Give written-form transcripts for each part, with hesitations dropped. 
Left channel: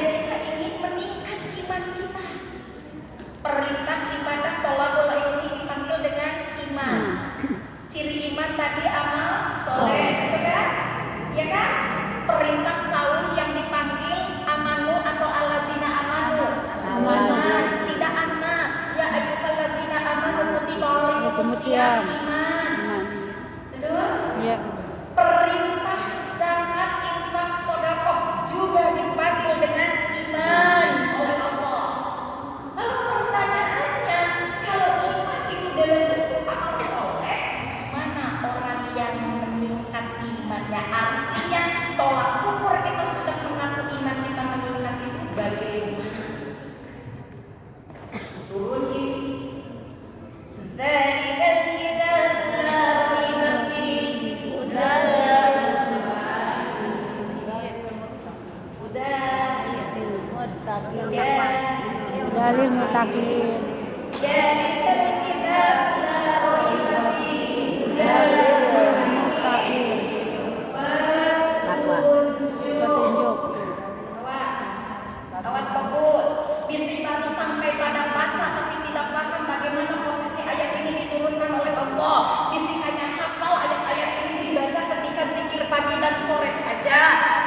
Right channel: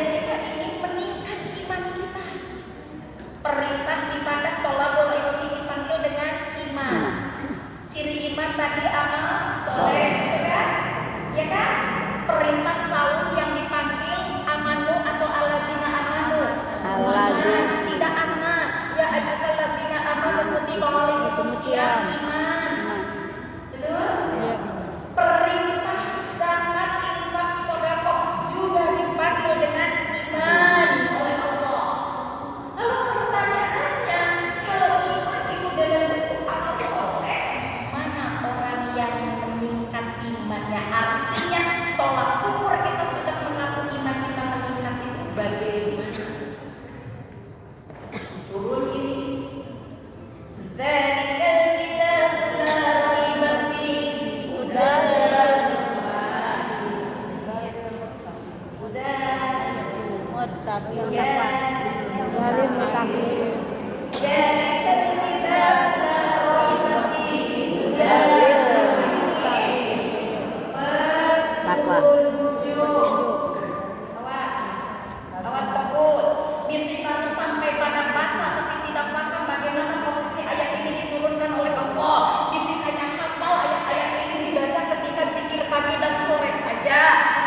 dan kita ingin meningkat iman kita. Perintah ibadah tolabul ilmi dipanggil dengan iman. Ciri iman tadi amal soleh, gitu kan? Ya kan? Perintah saum yang dipanggil amanu atau allazina amanu. Iman, tidak anas. Ya ayyuhallazina amanu kutiba alaikumusiyam, iman. Betul? Iya. Perintah zakat, infak, sedekah juga dipanggil dengan iman oleh Allah. Lalu pertanyaannya, kalau iman itu dalam bentuk amal soleh, mana orang yang meningkat imannya? Artinya tolak ukur kita sudah mengaku iman kita meningkat itu bagaimana? Turun ini. Dzalikal kitabu la raiba fihi hudan Dalil mutakin. Dzalikal kitabu la raiba fihi hudan petunjuk. Awas fokus. Bisik baru sampai pada baca tapi tidak paham bagaimana posisi ayat ini diturunkan oleh Allah. Bisik hanya hafal ayat-ayat ini dibaca ketika zikir pagi dan sore saja.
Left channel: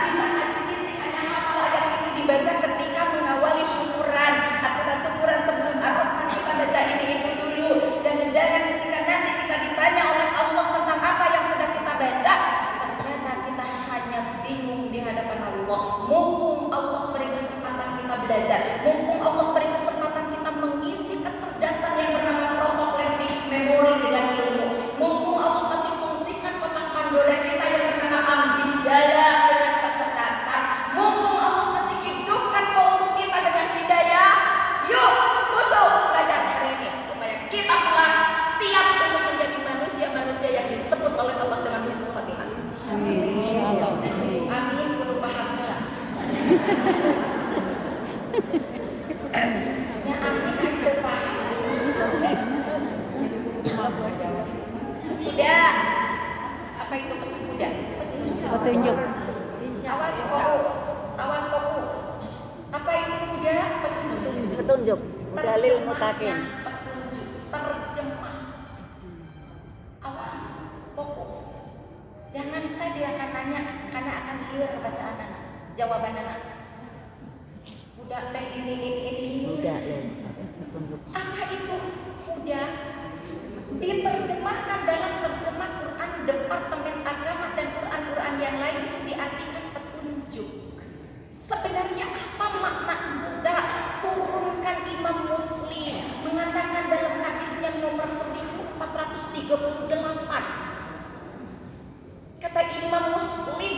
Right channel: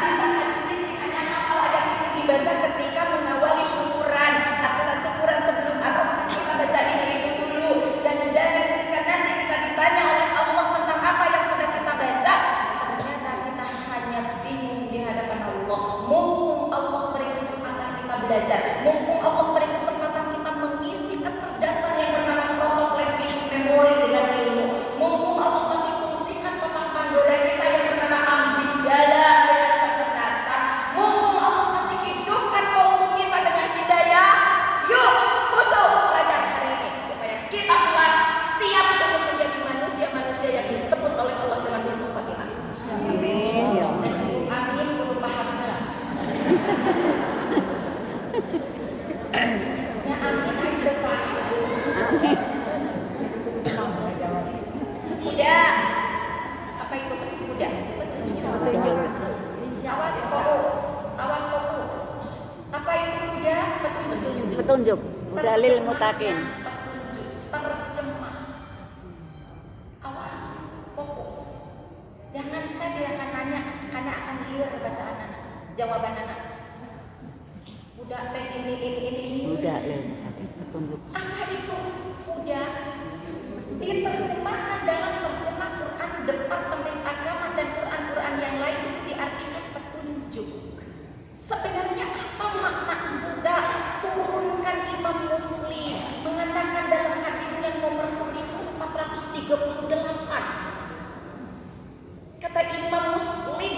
Bisik hanya hafal ayat ini dibaca ketika mengawali syukuran. Acara syukuran sebelum Ar-Rahman kita baca ini itu dulu. Jangan-jangan ketika nanti kita ditanya oleh Allah tentang apa yang sudah kita baca, ternyata kita hanya bingung di hadapan Allah. Mumpung Allah beri kesempatan kita belajar, mumpung Allah beri kesempatan kita mengisi kecerdasan yang bernama protokol memori dengan ilmu, mumpung Allah masih fungsikan kotak Pandora kita yang bernama ambidala dengan kecerdasan, mumpung Allah masih hidupkan kaum kita dengan hidayah. Yuk khusus belajar hari ini supaya kita pulang siap untuk menjadi manusia-manusia yang disebut oleh Allah dengan husnul khotimah. Amin. Dan cukup amin kudu paham lah. Ya amin ayo paham. Udah. Apa itu udah? Petunjuk. Awas fokus. Awas fokus. Apa itu udah? Petunjuk. Dalil mutakin. Petunjuk. Terjemah. Awas, fokus. Jangan saya tidak akan nanya karena akan liar bacaan anak, jawaban anak. Udah teh ini. Apa itu udah? Diterjemahkan dalam terjemah Quran Departemen Agama dan Quran yang lain itu diartikan petunjuk. Sebenarnya apa makna Buddha turunkan Imam Muslim mengatakan dalam hadisnya nomor 1438. Kata Imam Muslim,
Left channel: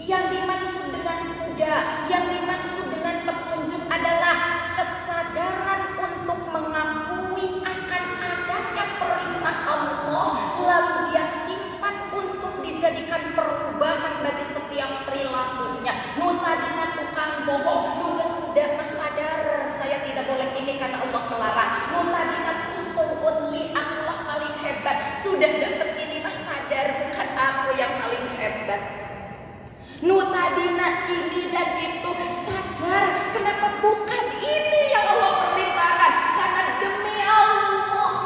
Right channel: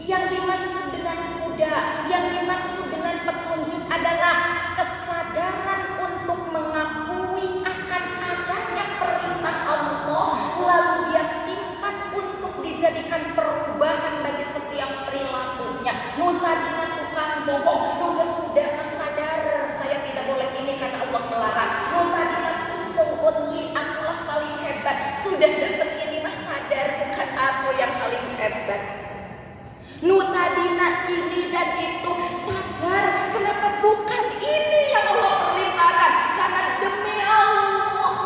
yang dimaksud dengan Buddha, yang dimaksud dengan petunjuk adalah kesadaran untuk mengakui akan adanya perintah Allah, lalu dia simpan untuk dijadikan perubahan bagi setiap perilakunya. Tadina tukang bohong, nuga sudah sadar saya tidak boleh ini karena Allah melarang. Tadina tusuun li, akulah paling hebat, sudah dapat ini mah sadar bukan aku yang paling hebat. Tadina ini dan itu sadar, kenapa bukan ini yang Allah perintahkan? Karena demi Allah,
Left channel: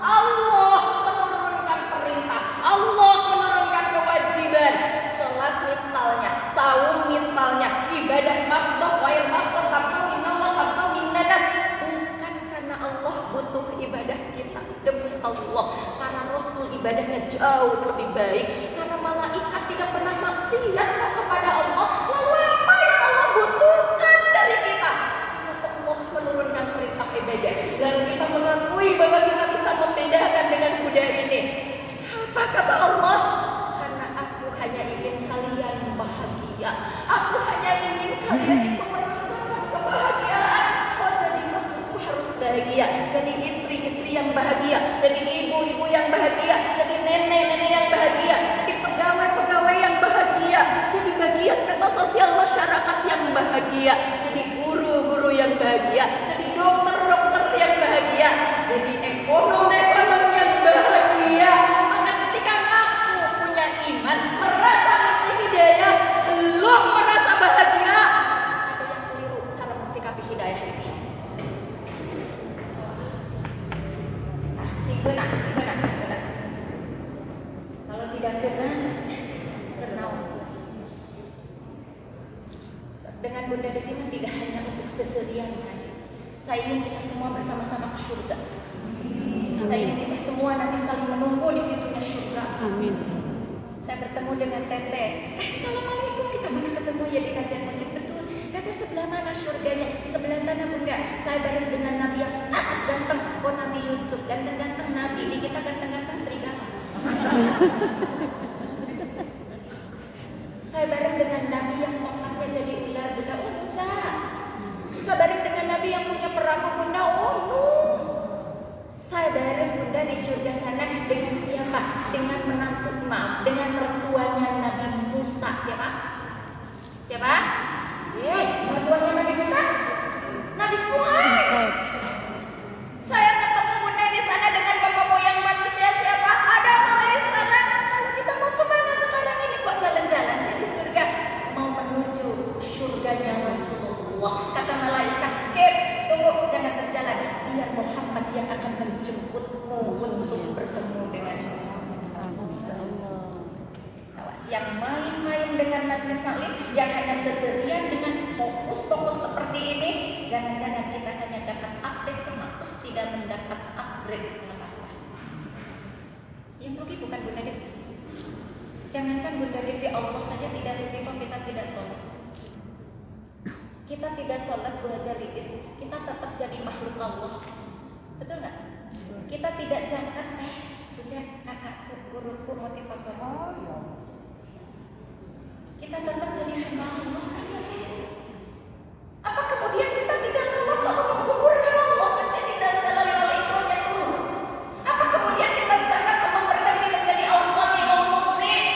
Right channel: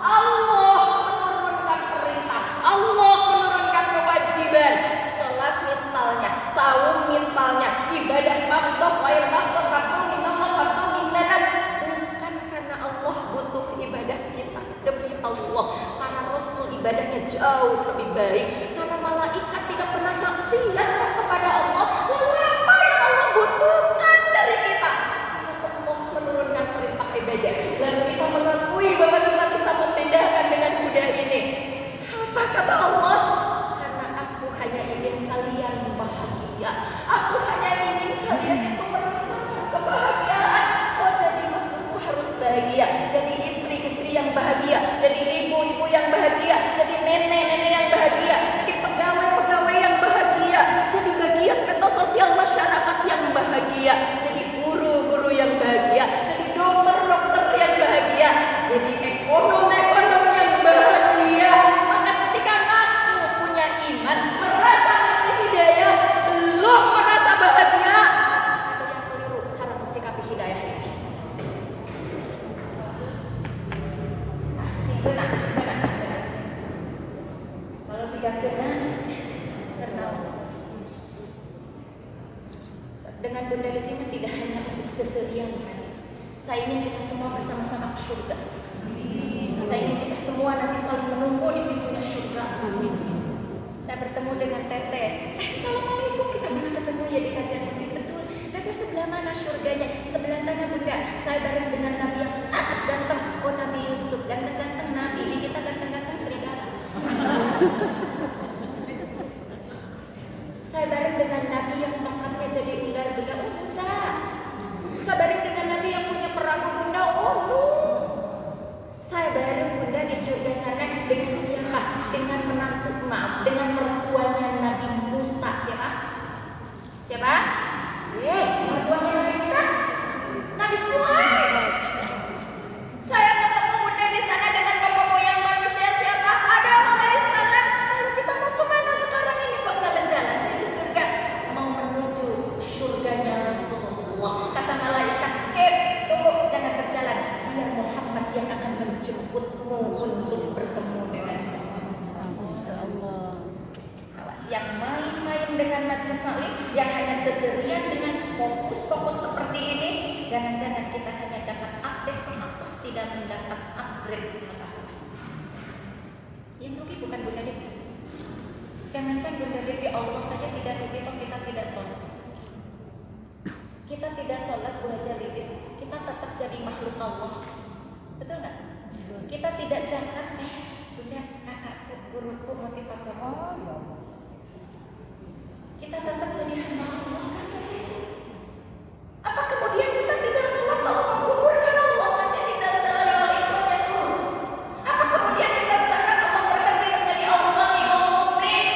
Allah menurunkan perintah, Allah menurunkan kewajiban. Salat misalnya, saum misalnya, ibadah makhluk, wair makhluk, kaku minallah, kaku minanas. Bukan karena Allah butuh ibadah kita, demi Allah. Para Rasul ibadahnya jauh lebih baik, karena malaikat tidak pernah maksiat kepada Allah. Lalu apa yang Allah butuhkan dari kita? Sehingga Allah menurunkan perintah ibadah. Lalu kita mengakui bahwa kita bisa membedakan dengan Buddha ini. Apa kata Allah? Karena aku hanya ingin kalian bahagia. Aku hanya ingin kalian itu merasakan kebahagiaan. Kau jadi makhluk harus bahagia. Jadi istri-istri yang bahagia. Jadi ibu-ibu yang bahagia. Jadi nenek-nenek yang bahagia. Jadi pegawai-pegawai yang bahagia. Jadi bagian peta sosial masyarakat yang bahagia. Jadi guru-guru yang bahagia. Jadi dokter-dokter yang bahagia. Jadi ekonom-ekonom yang bahagia. Maka ketika aku punya iman, merasa ngerti hidayah, belum merasa bahagia, ada yang Dengan Bunda Devi tidak hanya untuk seserian haji. Saya ingin kita semua bersama-sama ke surga. Saya ingin kita semua nanti saling menunggu di pintunya surga. Saya bertemu dengan Teteh. Assalamualaikum, kita pernah ketemu ya di kajian mungkin. Betul. Teteh sebelah mana surganya? Sebelah sana Bunda. Saya bareng dengan Nabi yang sangat ganteng. Oh Nabi Yusuf, ganteng-ganteng Nabi. Ini kita ganteng-ganteng serigala. Saya bareng dengan Nabi yang tongkatnya jadi ular Bunda. Oh Musa. Saya bareng dengan Nabi yang punya perahu Bunda. Oh Nuh. Saya bareng Bunda di surga sana dengan siapa? Dengan menantu dengan mertuanya Nabi Musa. Siapa? Siapa? Mertuanya Nabi Musa? Nabi Suhaib. Saya ketemu Bunda di sana dengan bapak moyang manusia siapa? Adam alaihissalam. Lalu kita mau kemana sekarang ini? Kok jalan-jalan sih di surga? Mau menuju surganya Rasulullah. Kata malaikat, tunggu, jangan berjalan. Biar Muhammad yang akan menjemputmu untuk bertemu denganmu. Awas, yang main-main dengan majelis taklim, yang hanya seserian dengan fokus-fokus seperti ini, jangan-jangan kita hanya dapat update status, tidak mendapat upgrade pengetahuan. Yang rugi bukan Bunda Devi. Jangankan Bunda Devi, Allah saja tidak rugi kalau kita tidak sholat. Kita tidak sholat Bu Haja Lilis, kita tetap jadi makhluk Allah. Betul nggak? Kita tidak zakat, Bunda, kakakku, guruku, motivator. Kita tetap jadi hamba Allah kan ya? Apa kemudian kita tidak sholat lalu menggugurkan Allah menjadi dal jalali wal ikramnya turun? Apa kemudian kita zakat Allah berganti menjadi Allah yang mu'min?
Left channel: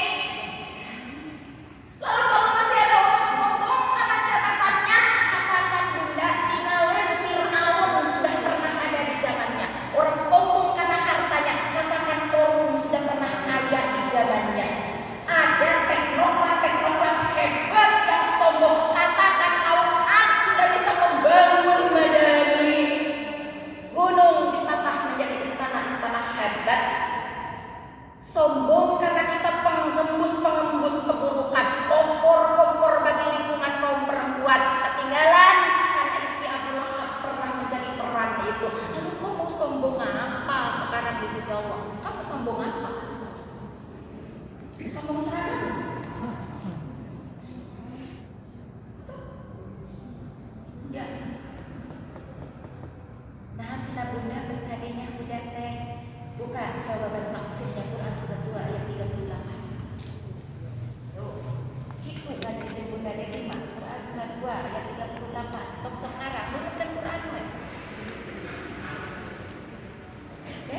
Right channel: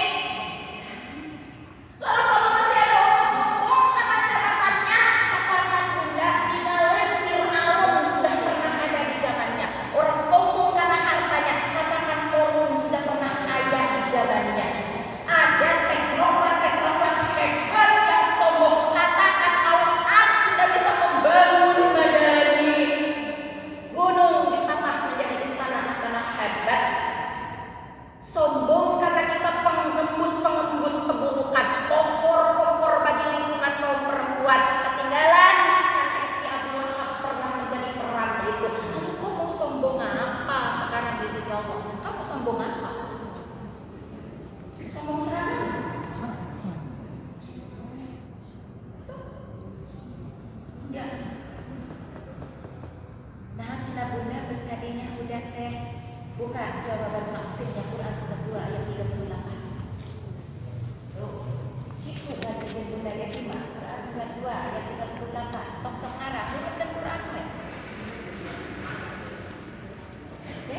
Lalu kalau masih ada orang sombong karena jabatannya, katakan Bunda, tinggalan Fir'aun sudah pernah ada di zamannya. Orang sombong karena hartanya, katakan Korun sudah pernah kaya di zamannya. Ada teknokrat hebat yang sombong, katakan kaum Ad sudah bisa membangun Madani. Gunung ditatah menjadi istana-istana hebat. Sombong karena kita pengembus keburukan, kompor bagi lingkungan kaum perempuan. Ketinggalan karena istri Abu Lahab pernah menjadi peran itu. Lalu kau mau sombong apa sekarang di sisi Allah? Kamu sombong apa? Sombong seragam. Ya. Nah, cina Bunda berkadenya huda teh. Buka jawaban tafsirnya Quran surat 2 ayat 38. Tuh. Itu ngaji Bunda Devi mah Quran surat 2 ayat 38. Tok sok ngarang nurutkan Quran we. Oke?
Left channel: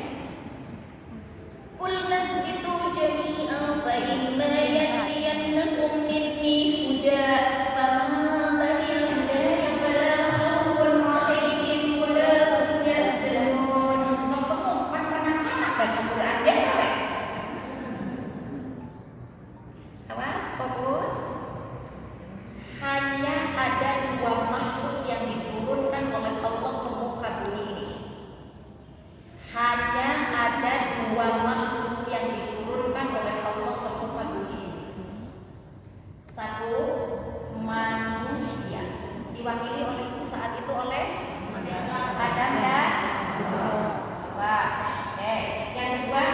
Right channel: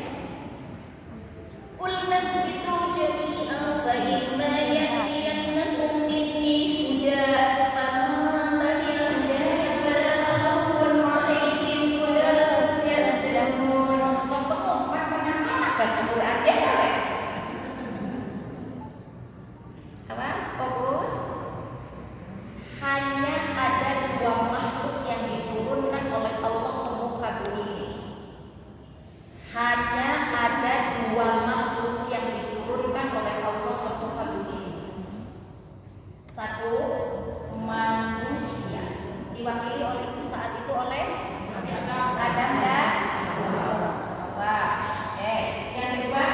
Qul nahbitu jami'an fa imma yatiyannakum minni huda faman tabi'a hudaya fala khawfun 'alaihim wa la hum yahzanun. Pengumpat pernah baca Quran ya sampai. Awas, fokus. Hanya ada dua makhluk yang diturunkan oleh Allah ke muka bumi ini. Hanya ada dua makhluk yang diturunkan oleh Allah ke muka bumi ini. Satu, manusia, diwakili oleh saat itu oleh Adam dan Hawa. Yang kedua,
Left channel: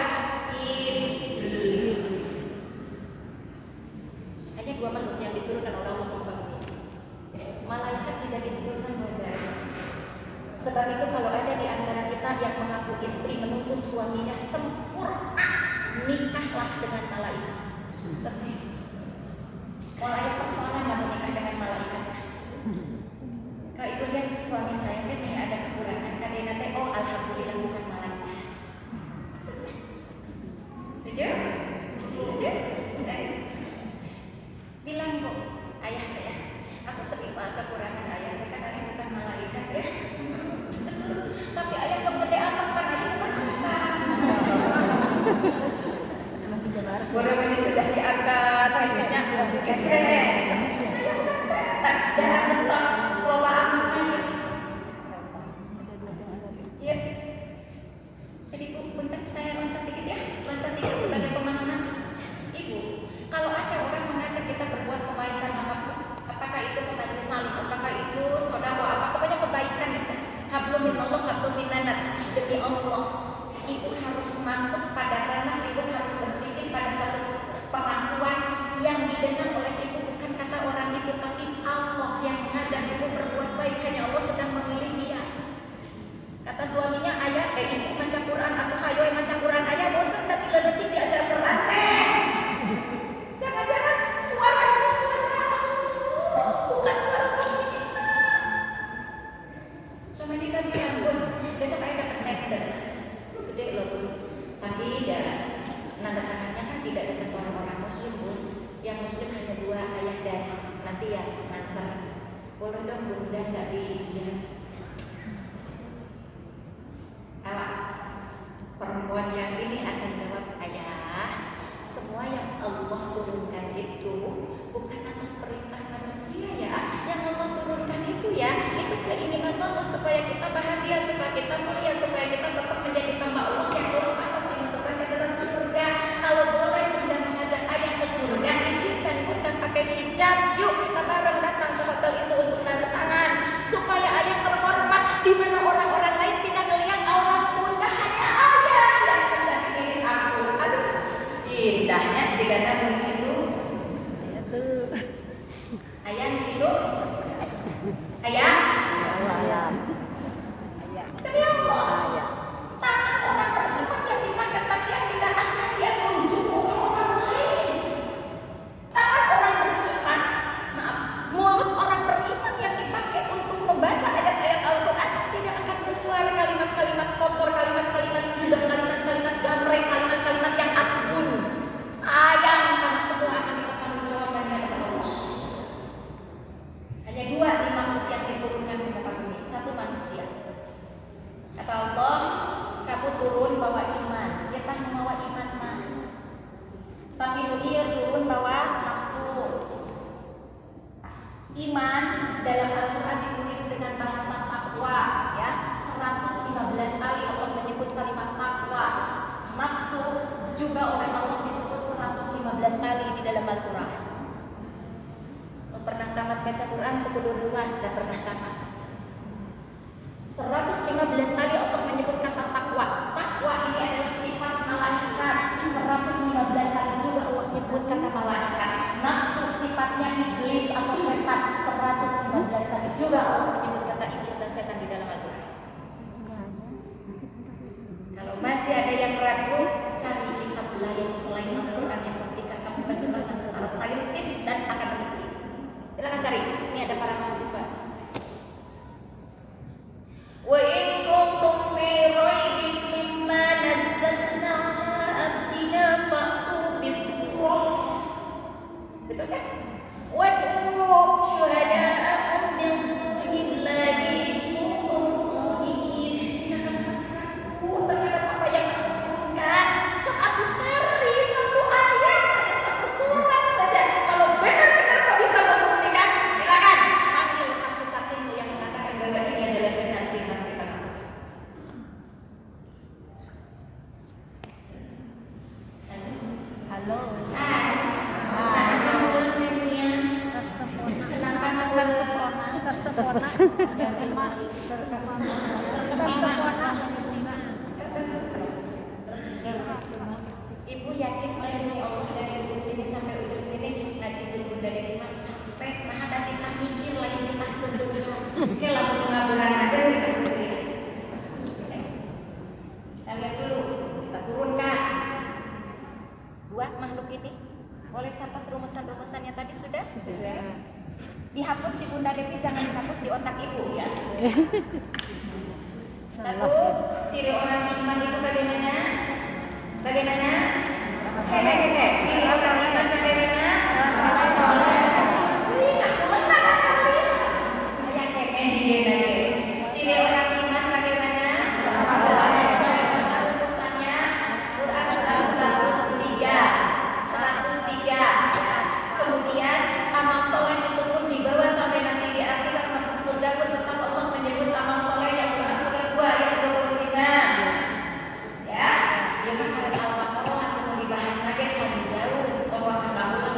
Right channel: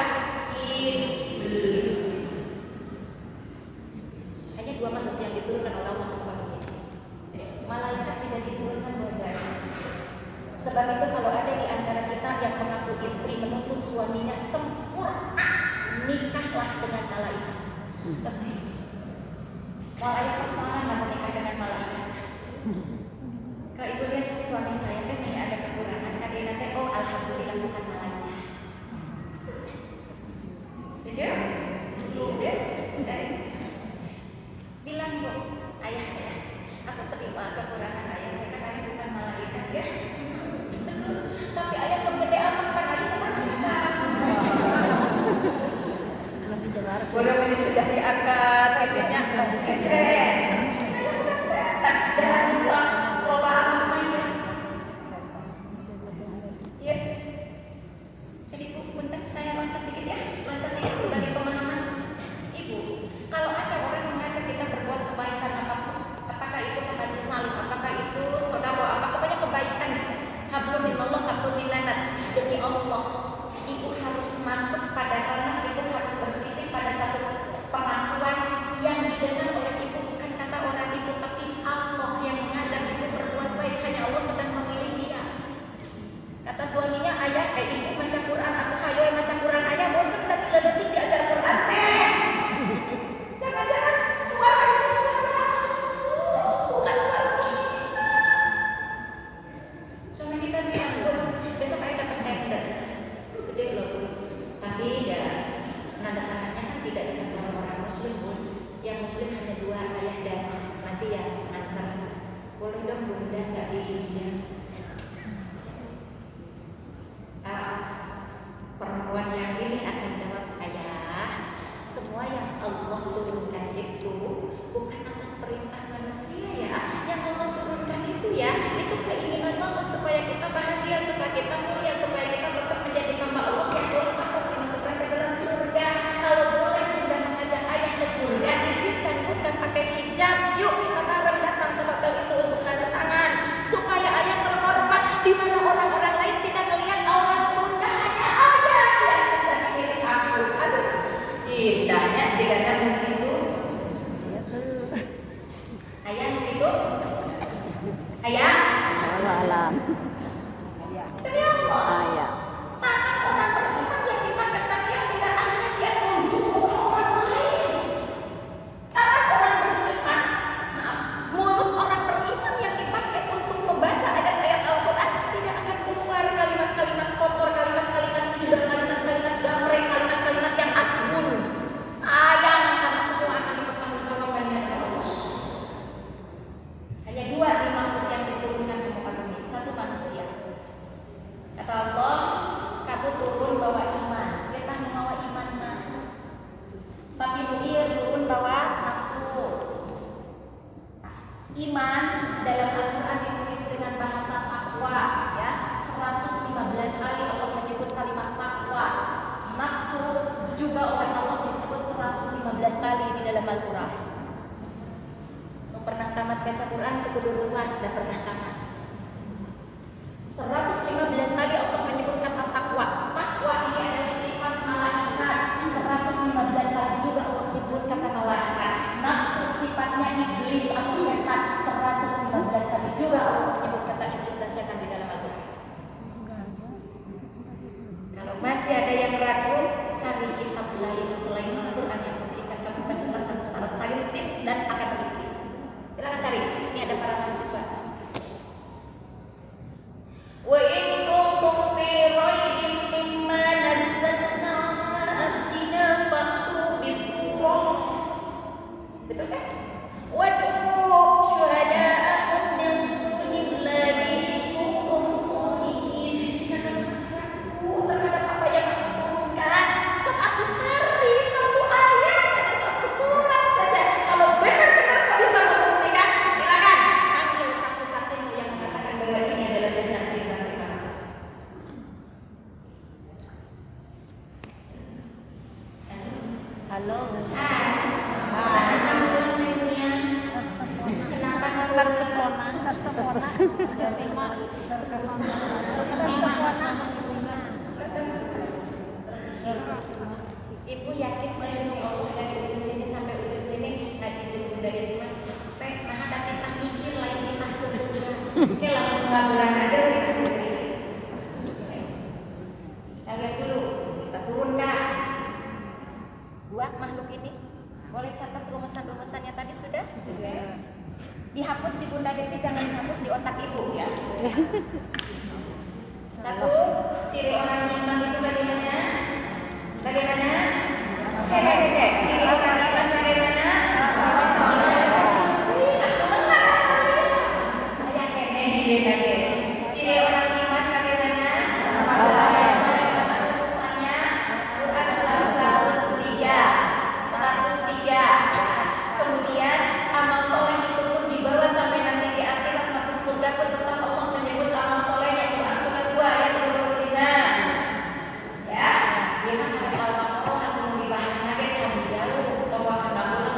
iblis. Hanya dua makhluk yang diturunkan oleh Allah ke muka bumi ini. Malaikat tidak diturunkan wajaris. Sebab itu kalau ada di antara kita yang mengaku istri menuntut suaminya sempurna, nikahlah dengan malaikat. Selesai. Mau ada persoalan mau nikah dengan malaikat. Kalau ibu lihat suami saya kan ada kekurangan, kadang nanti alhamdulillah bukan malaikat. Selesai. Setuju? Setuju? Bilang Bu, ayah, aku terima kekurangan ayah, kan ayah bukan malaikat ya. Tapi ayah kebede amat kan ayah bukan suka. Bodoh ini sudah diangkat, katanya kecret. Ayah bukan setan, dalam besar loba amat ayah. Ya. Jadi Bu, bentar saya loncat dikit ya, loncat dikit sebagai pemahaman. Ibu, kalau ada orang mengajak kita berbuat kebaikan apapun, apakah itu ke majelis salim, apakah itu sodako, apa pokoknya kebaikan aja. Hablum minallah, hablum minannas. Demi Allah, ibu harus masuk pada ranah, ibu harus berpikir pada satu pengakuan yang didengar oleh ibu, bukan kata orang itu, tapi Allah yang mengajak ibu berbuat baik. Hanya Allah sedang memilih dia. Kata suaminya, ayah, ibu baca Quran, aku hayo baca Quran, ayah bosan detik diajar Quran teh. Jangan-jangan suara itu suara Allah, bukan suara suami kita. Suami kita bilang, Bun, besok ayah dapat tender, gede loh Bun. Tapi ya nanda tangannya kan tidak dekat orang-orang muslim Bun. Yang muslim hanya 2, ayah dan nanti yang nganter. Boleh dong Bunda nggak dihijab? Perempuan yang ini akan jawab, ayah, semua yang Allah turunkan itu bukan atas perintah manusia ya. Yang Allah turunkan itu ya, itu keinginan Allah supaya kita bahagia, supaya kita mulia, supaya kita tetap menjadi hamba Allah yang Allah pantas dimasukkan ke dalam surga. Kalau boleh Bunda mengajak ayah ke surga, izinkan Bunda pakai hijab. Yuk kita bareng datang ke hotel itu untuk tanda tangan, supaya ayah terhormat di mana orang-orang lain tidak melihat aurat Bunda, hanya ayah yang menjadi milik aku. Aduh, indahnya jika begitu. Ayah begitu. Ayah. Demi Allah. Tangan orang beriman yang dipakai takiat tidak akan dia tunjuk muka orang lain. Tangan orang beriman, mulut orang beriman yang dipakai untuk membaca ayat-ayat Al-Quran tidak akan keluar kalimat-kalimat kotor, kalimat-kalimat indah, kalimat-kalimat gamreng, kalimat-kalimat yang asmun. Sayang, karena semua akan dipertanggungjawabkan di hadapan Allah. Hanya 2 di makhluk yang diturunkan ke muka bumi, 1 manusia. Kata Allah, kamu turun bawa iman, dia tak membawa iman mah. Tapi dia turun bawa nafsu. Iman dalam Al-Quran ditulis dengan bahasa takwa, ya. 115 kali Allah menyebut kalimat takwa. Nafsu juga oleh Allah disebut 115 kali di dalam Al-Quran. Pernah tamat baca Quran, kudu luas dan pernah tamat. 115 kali Allah menyebut kata takwa. Takwa ini adalah sifat malaikat. 115 kali juga Allah menyebut kata malaikat. Nafsu sifatnya iblis atau setan. 115 kali juga Allah menyebut kata iblis dan setan di dalam Al-Quran. Kalau masih ada yang ragu, cari kitab lain selain Al-Quran yang memberikan kamu penjelasan secara saintis dan akademisi. Silakan cari. Ini ada para mahasiswa. Wa in kuntum fi raibin mimma nazzalna ala abdina fa'tu bisurah. Betul kan? Wad'u syuhada'akum min dunillahi in kuntum shadiqin. Jika kamu masih ragu terhadap apa yang aku turunkan, sok aku cari 1 ayat saja, 1 surat saja. Kalau benar-benar kau bisa membuktikan, silakan panggil saksi-saksimu yang mengatakan bahwa ini adalah benar firman-firman Allah. Halo. Tahan ambulannya. Kenapa makan bersama? Ibu yakin saya demi Allah dari ujung sini sampai ujung sini ngaji jeung Bunda Dewi mah capek, nah ada kita mikir lain kita sesungguhnya. Oke, lamun pengaburan ada kita sesungguhnya. Guys, kita lihat dulu, kita turun Kak. 2 makhluk ini, boleh catat rumusan-rumusannya tadi sudah? Dihapus di Bunda Dewi, jangan dihapus di otak ibu ya. 1, ciri orang iman itu bagaimana? Bagaimana? Ciri orang iman bagaimana? Ciri orang iman bagaimana? Rumusannya Quran surat 103. Kemudian amal soleh itu pun dibawa sampai nanti di akhirat masuk surga pun tetap Allah menyebut amal solehnya. Quran surat 2 ayat 25. Ya, dia mah kalau Al-Baqarah atau mau dibahas lagi cari jauh bahwa kamu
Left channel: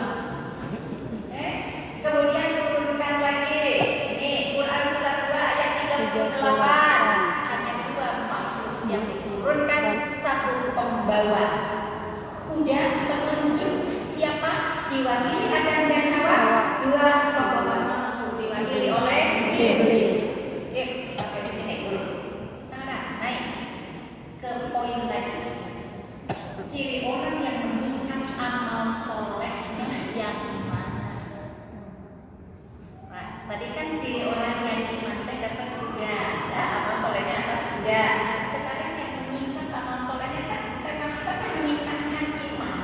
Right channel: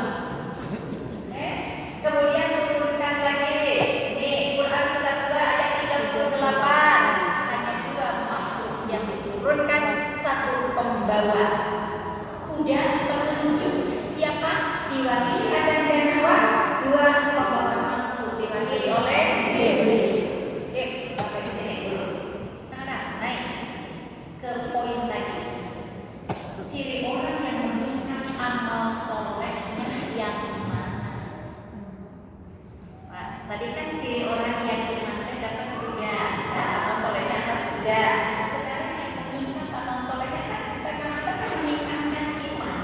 Tadi kan ciri orang yang iman teh dapat juga, ya, amal solehnya atas juga. Sekarang yang meningkat amal solehnya kan tema kita kan meningkatkan iman.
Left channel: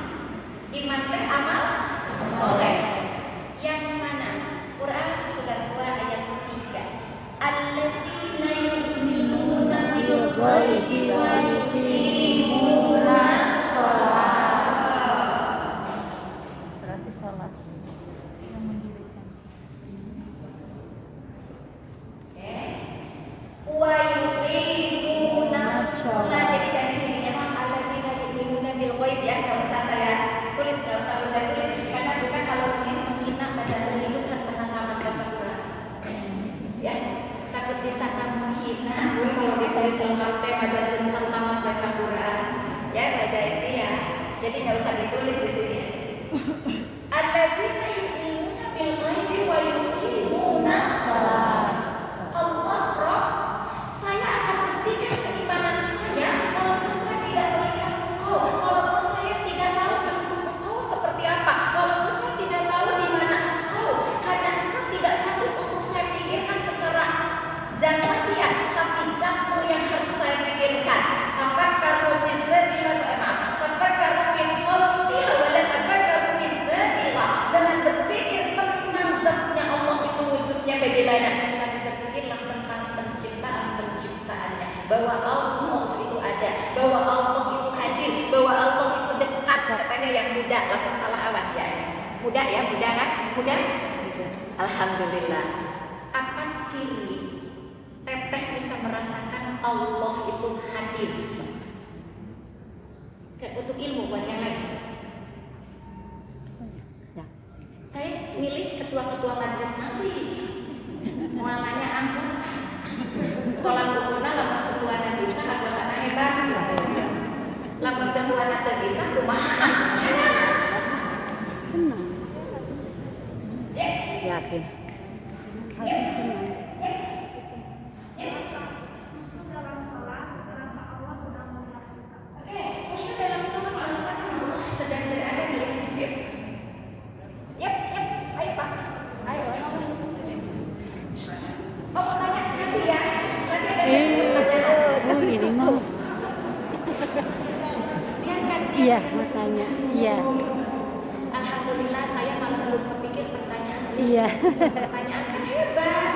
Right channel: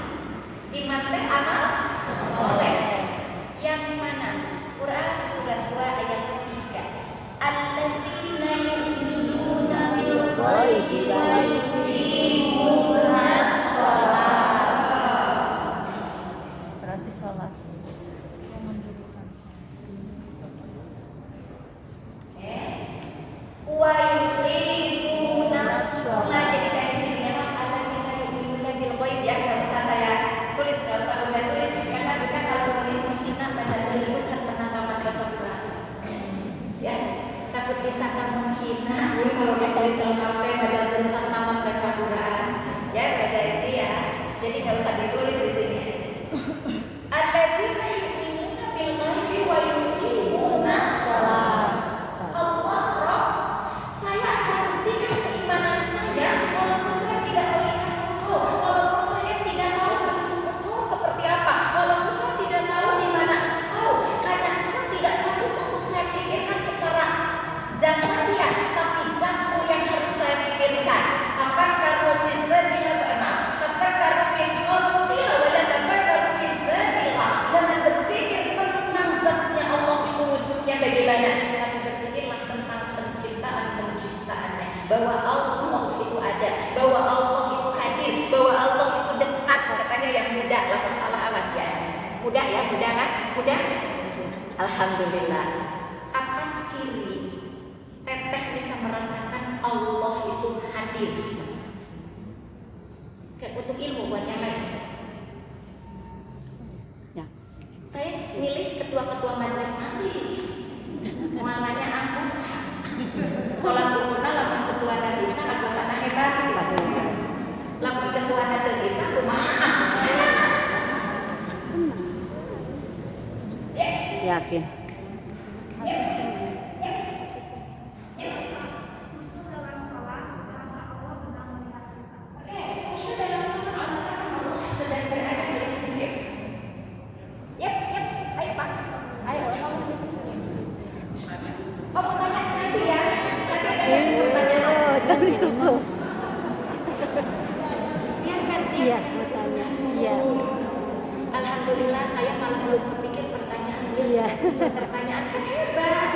Iman teh amal soleh. Yang mana? Quran surat 2 ayat 3. Alladzina yu'minuna bil ghaibi wa yuqimunas shalah. Berarti sholat. Wa yuqimunas shalah. Jadi dari sini memang alladzina yu'minuna bil ghaibi, ya, enggak usah saya tulis, enggak usah Bunda tulis, karena Bunda kalau tulis menghina baca terlibat can pernah tamat baca Quran. Ya, takut disangka menghina. Gue kalau ditulis lengkap teh baca can tamat baca Quran. Ya, baca ini ya. Jadi enggak usah ditulis di sini. Alladzina yu'minuna bil ghaibi wa yuqimunas shalah. Allah Rabb, saya akan buktikan keimanan saya walaupun saya tidak melihat engkau, walaupun saya tidak tahu bentuk engkau seperti apa, walaupun saya tidak tahu di mana engkau, karena engkau tidak patut untuk saya pikirkan secara jasmaniah, tapi zatmu yang harus saya pikirkan. Tafakkaru fi dzatillahi, tafakkaru fi khalqillah wa la tafakkaru fi dzatillah. Jangan berpikir tentang zatnya Allah itu wujudnya bagaimana, tapi berpikirlah tentang penciptaannya, bahwa Allah itu ada, bahwa Allah itu hadir, bahwa Allah itu dekat. Katanya yang muda, lah salah awas ya. Muda ya, muda kan? Muda? Alhamdulillah. Apa ciri Teteh bisa merasakan Allah itu hadir? Untuk ilmu buat yang lain. Ya. Saya milih ketua-ketua majelis santri. Mualanya anggota. Tolak ukurna lamun ketua na bisa anggotana hebat. Lamun ketua na teu bisa kumaha? Yakin. Alhamdulillah saya malah belum kepikir pertanyaan beliau. Pertanyaan kan hebat.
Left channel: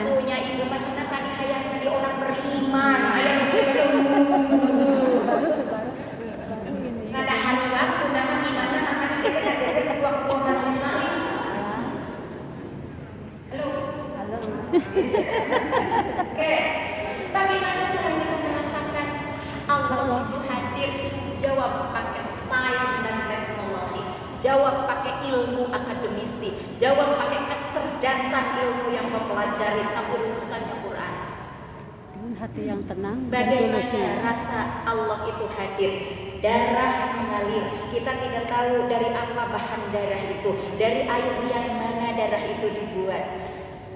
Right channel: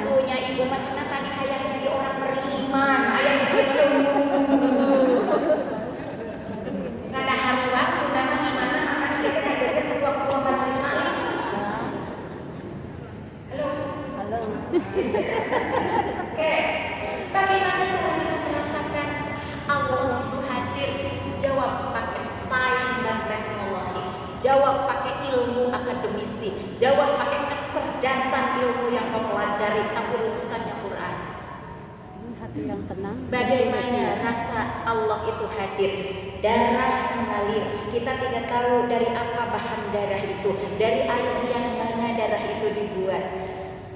Tuhnya ibu macana tadi hayang jadi orang beriman, hayang begitu. Ada hariwan undangan di mana makanya kita ngajajar ketua-ketua majelis salim. Halo. Oke. Bagaimana cara kita merasakan Allah itu hadir? Jawab pakai sains dan teknologi. Jawab pakai ilmu akademisi, jawab pakai kecerdasan ilmu yang mempelajari, tapi rumusannya Quran. Dengan hati yang tenang. Bagaimana rasa Allah itu hadir? Darah mengalir. Kita tidak tahu dari apa bahan darah itu, dari air yang mana darah itu dibuat.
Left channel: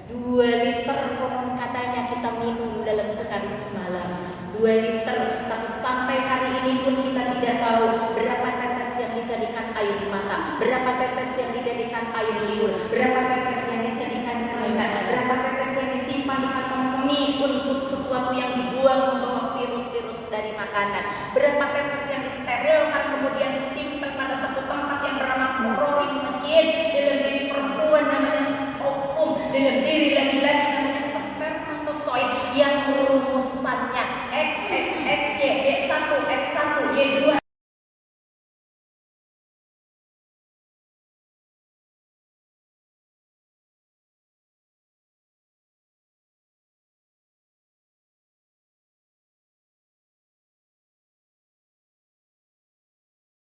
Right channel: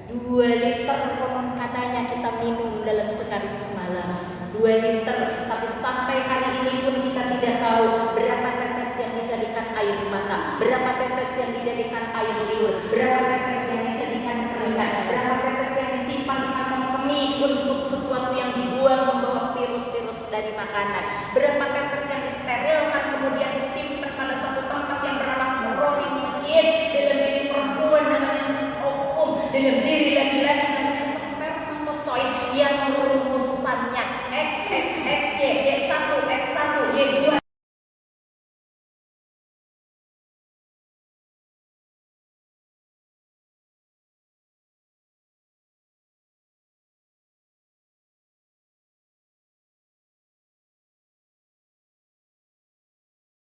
2 liter konon katanya kita minum dalam sekali semalam. 2 liter, tapi sampai hari ini pun kita tidak tahu berapa tetes yang dijadikan air mata, berapa tetes yang dijadikan air liur, berapa tetes yang dijadikan keringat, berapa tetes yang disimpan di kantong kemih untuk sesuatu yang dibuang membawa virus-virus dari makanan, berapa tetes yang disterilkan kemudian disimpan pada satu tempat yang bernama klorin mungkin dalam diri perempuan namanya ovum, dalam diri laki-laki namanya spermatozoid yang rumusannya XXXY, Y1, X1, Y2,